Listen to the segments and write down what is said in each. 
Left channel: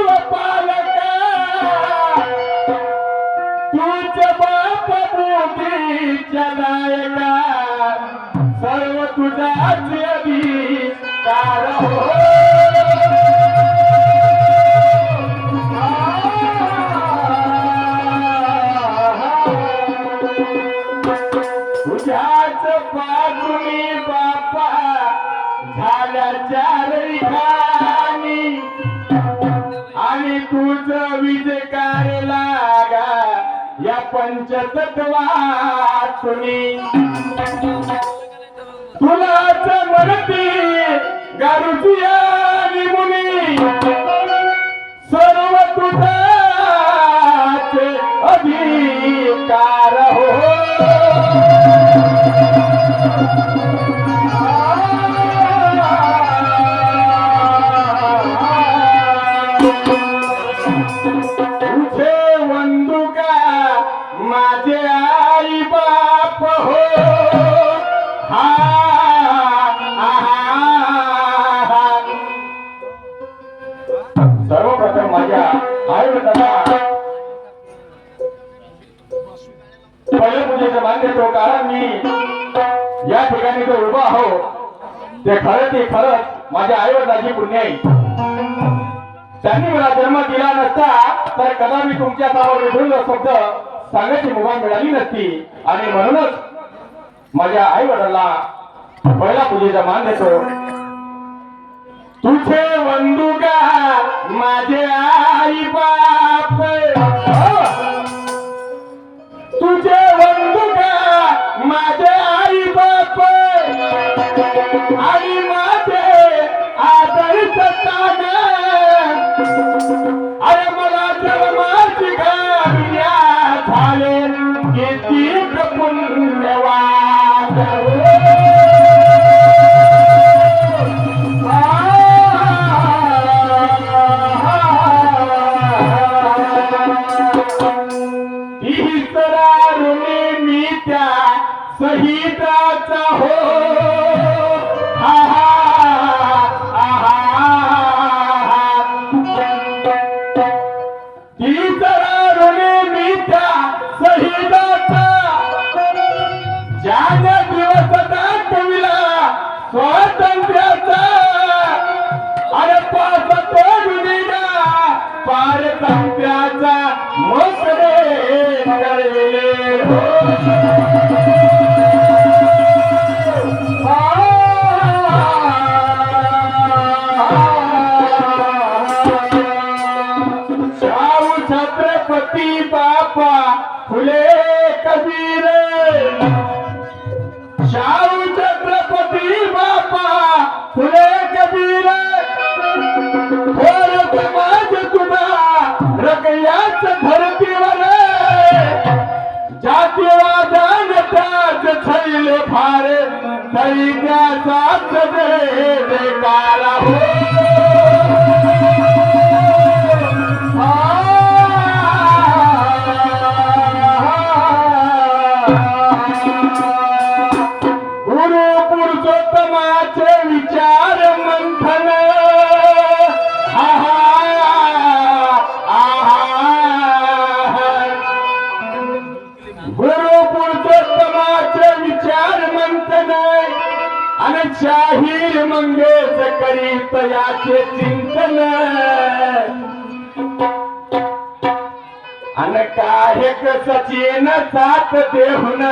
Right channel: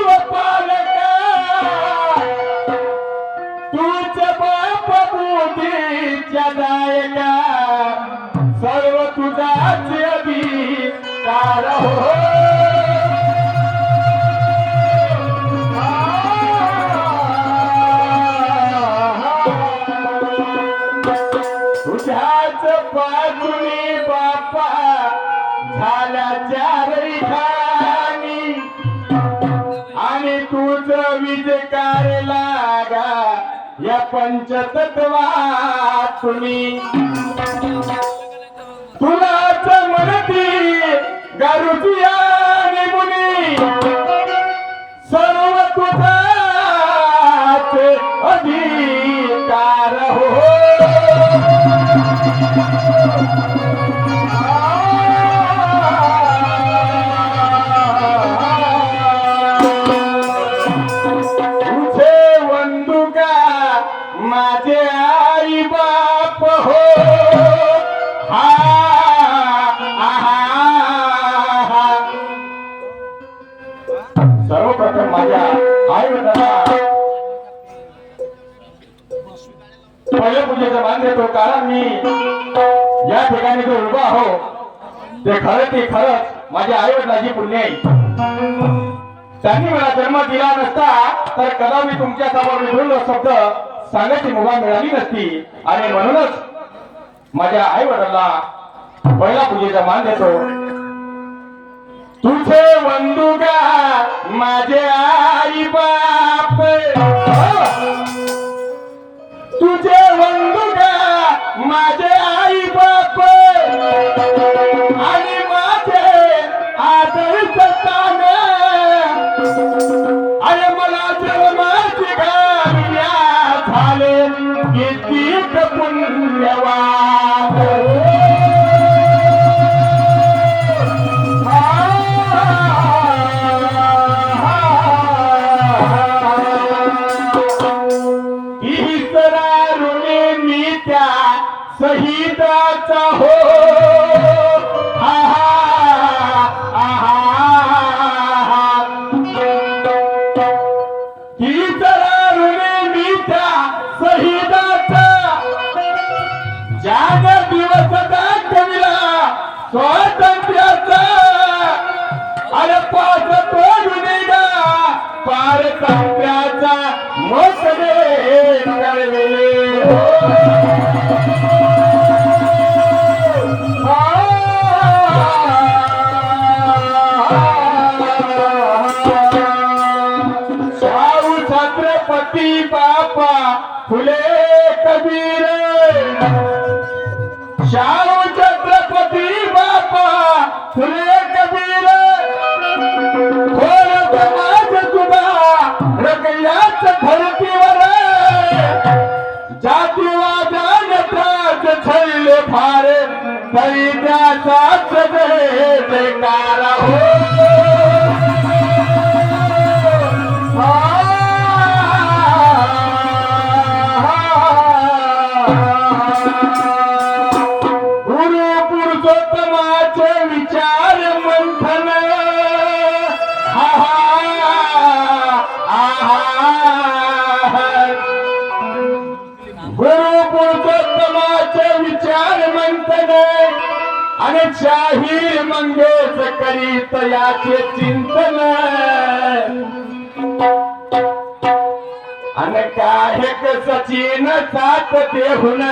गुरु पालका तूच बाप बुद्धीच्या नायका सर्व तुझाच अधिकार हो तुझ्याच बाजूनी बापा झाल्या चारही खाणी आणि तुझ विजय लागा या पंचतत्वातुनी तुलाच म्हणती गारुजिया निमुनी सर्व तुझाच अधिकार हो तुझे वंदुका माझे आई बाप हो हा सर्वप्रथम माझ्या आई वडिलांना पहिल्या पूजेचा मान देतो कारण मी या ठिकाणी जो उभा आहो ते खरंच माझ्या आई वडिलांची पुण्य आहे. त्यांनी मला जन्म दिला नसता तर कदा मी तुमच्या समोर विधुर शब्द सांगायची मुभा मिळाली नसती आणि म्हणूनच माझ्या आई वडिलांना पहिला पूजेचा मान देतो. तुझे वंदुका माझे आई बाप तुझे वंदुका माझे आई बाप आणि माझे आदर्श तान अरे मला जन्माची गाविया झाले किती पुण्यवान शहीदाचा हो ही जरा ऋणी मी त्या शहीदाचा ज्या दिवस दाखविला स्वातंत्र्याचा अरे पाच तोडून दिला पारतंत्र्याचा मोठे कळविले हो छत्रपती बापा फुले कबीर शाहू छत्रपती बापा फुले कबीर थोर समाज तुला रगयाच धरतीवर जातीवादाने ताज छैले फार तरी त्याचाच देकार हो पुरुषोत्तमाचे विचार मंथन गुरु पुरुषोत्तमाचे विचार मंथन आणि शाहीर मंगेश करीत याचे चिंतन अन काहेक सचिन साथ देहुन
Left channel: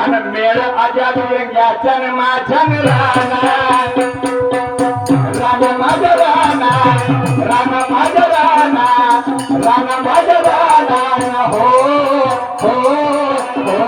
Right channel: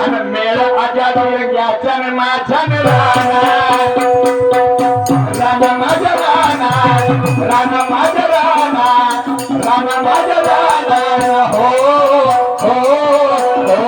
अन मेळ आजाद रंगाचन माझन राणा माझा राणा राणा माझा राणा राणा माझा राणा हो हो हो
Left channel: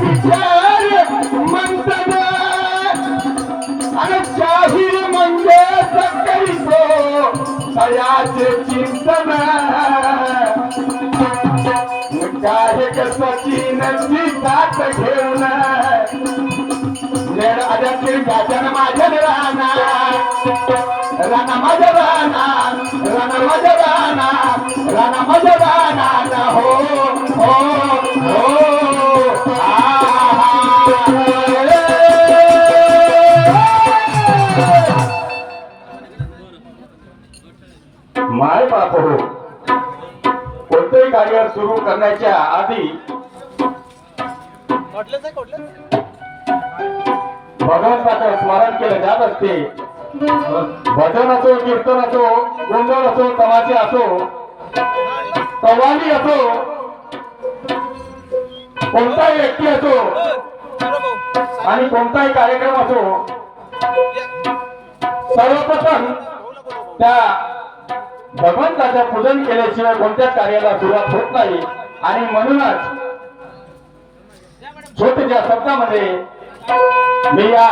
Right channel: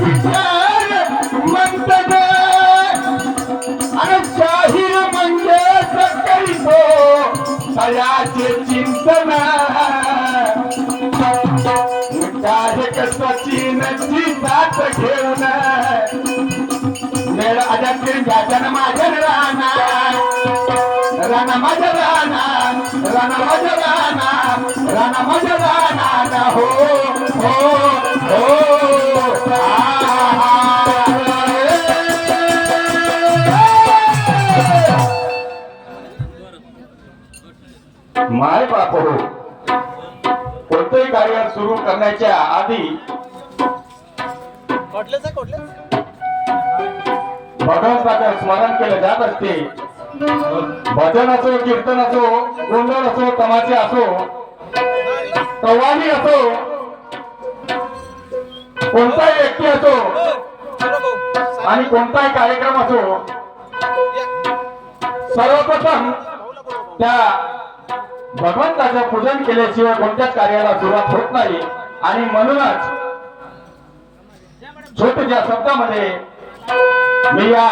विचार मंथन आणि शाही करीतो तयाचे चिंतन काय सचिनची साथ घेऊन मेळ आद्यातील गाजन माझन राणा राणा माझा राणा राणा माझा राणा राणा माझा राणा हो हो हो माय बाप हो कोणतंही कार्य सुरू करण्याच्या आधी भगवंताचं स्मरण केलं जात असते. भजन असो कीर्तन असो गोंधळ असो तमाशे असो कव्वाली असो कोणताही व्यक्ती असो आणि कोणताही कार्यक्रम असो सर्वप्रथम त्या भगवंताचे पूजन केल्याशिवाय कोणत्याच कार्याला सुरुवात होत नाही. आणि म्हणूनच छोट्याशा शब्दामध्ये मी या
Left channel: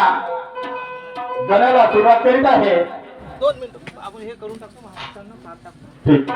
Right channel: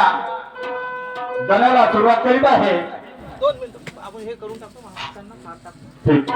गणाला सुरुवात करीत आहे. 2 मिनिटं आपण हे करून टाकतो महाराष्ट्रांना ठीक.